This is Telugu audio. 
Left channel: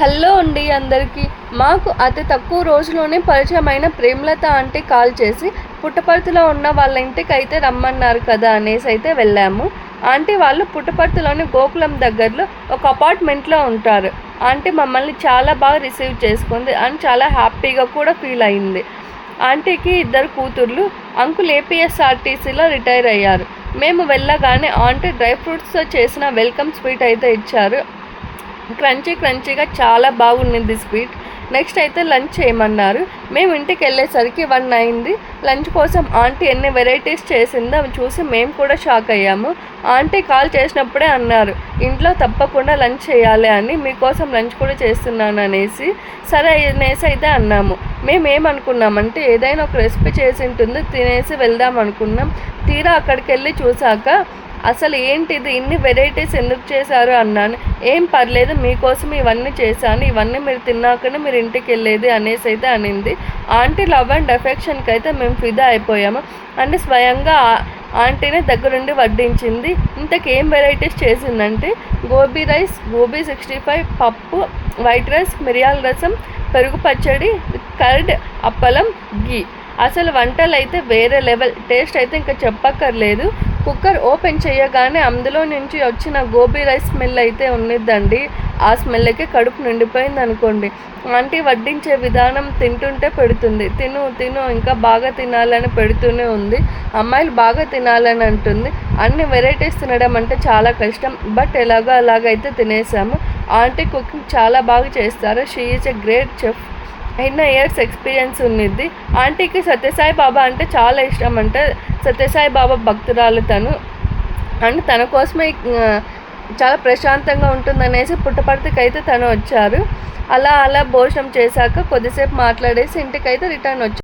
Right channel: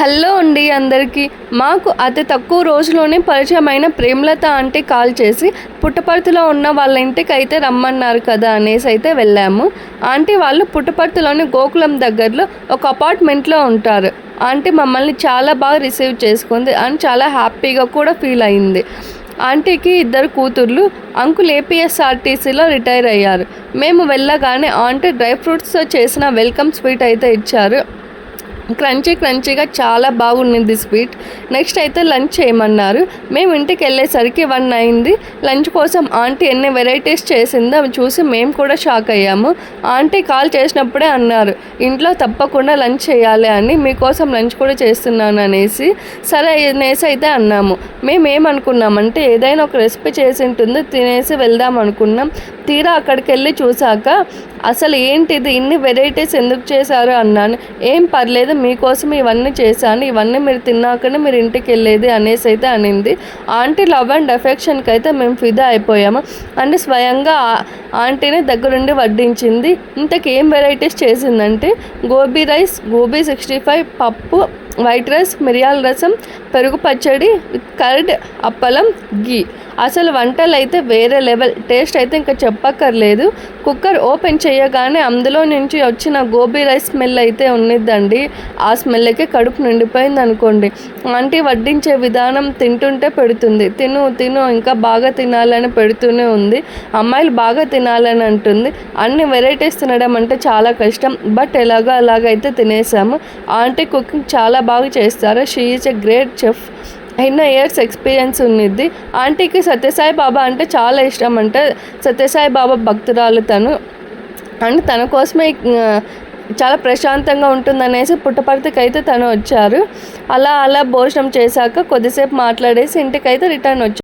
హలో అండి అందరికీ. మాకు అతి తక్కువ రోజులోనే పరిచయమైన ప్రేమలత ఆంటీ కాల్ చేసి పుట్టపర్తిలో ఉన్న వాళ్ళ ఇంటికి అయితే రమ్మన్నారు కదా అనేసి అయితే వెళ్ళాము. ఆంటీ వాళ్ళు పుట్టపర్తిలోని గోకులం దగ్గరలో ఒక అపార్ట్మెంట్లో ఉంటారు. ఆంటీ మమ్మల్ని చాలా బాగా రిసీవ్ చేసుకుంది అండ్ చాలా హ్యాపీగా కూడా ఫీల్ అయింది. ఆంటీకి 2 కూతుర్లు. అంకుల్ ఏపీఎస్ఆర్టీసీలో రిటైర్ అయ్యారు. మేము వెళ్ళగానే ఆంటీ డ్రై ఫ్రూట్స్తో చేసిన వెల్కమ్ స్వీట్ అయితే ఇచ్చారు. క్రంచీగా చాలా బాగుంది స్వీట్. నెక్స్ట్ అయితే లంచ్ చేయమన్నారు. మేము ఇంటికి వెళ్ళేసరికి 1 అయింది. లంచ్ కోసం ఆంటీ ఎన్ని వెరైటీస్ చేసిందో అవి చూసి మేము కూడా షాక్ అయ్యాము. ఆంటీ కాల్ చేసినప్పుడే అన్నారు, ఇంట్లో తప్పకుండా లంచ్ చేయాలి అని, మీకోసం లంచ్ కూడా చేస్తున్నాను అనేసి. సరే అనేసి అయితే అన్నాము. మేము ఏమనుకున్నామంటే ఏదైనా ఒక రెసిపీ చేసి ఉంటుంది, తినేసి వెళ్దాం అనుకున్నాం. తీరా అక్కడికి వెళ్ళి చూసాక అసలు ఏంటిది, ఇన్ని వెరైటీస్ ఎందుకు చేశారు అన్నాను. ఏం పర్లేదు, మీకోసం ఇవన్నీ చేశాను, ఇవన్నీ మీరు తిన్నాకనే మీరు ఇంటికి వెళ్ళేది అనేసి అయితే అనింది. ఆంటీ లవ్ అండ్ అఫెక్షన్కి అయితే మేము ఫిదా అయిపోయాము. అంటే స్వయంగా ఆంటీని దగ్గరుండి వడ్డించింది. ఇంతకేం వెరైటీస్ చేసిందంటే గోబీ రైస్, గోబీ 65, పప్పు, వైట్ రైస్, మిరియాల రసం, పెరుగు పచ్చడి విత్ కర్డ్, అప్పలం, ఘీ. అసలు వంటలు అయితే వేరే లెవెల్. టేస్ట్ అయితే ఇంకా చెప్పక్కర్లేదు. కుక్కర్ ఓపెన్ చేయగానే అందులో నుంచి వచ్చిన గోబీ రైస్ స్మెల్ అయితే ఉన్నదండి. ఆ స్మెల్కి కడుపు నిండిపోయింది అనుకోండి. ఆంటీ వడ్డించే విధానం తింటుంటే పెడుతుంది, తిను తిను ఇంకా బాగా తినాలని పెడుతూనే ఉంది. అమ్మాయిలు బాగా తినాలని అంటుంది. అన్ని వెరైటీస్ తినడం అంటే చాలా కష్టం, బట్ అలాగైతే తినేసాము. ఆంటీ కుకింగ్ చాలా బాగా చేస్తారు. She is a great chef. ఎన్నో ఇయర్స్ ఎక్స్పీరియన్స్ ఉన్నది. ఆంటీకి సత్యసాయి బాబా అంటే చాలా ఇష్టం అంటే, సత్యసాయి బాబా భక్తురాలు తను. అండ్ తన కోసమే చాలా ప్రశాంతంగా ఉంటుందనేసి పుట్టపర్తికి అయితే తను వచ్చారు. అలా భోజనం చేశాక కొద్దిసేపు మాట్లాడేసి ఇంటికైతే రిటర్న్ వచ్చారు.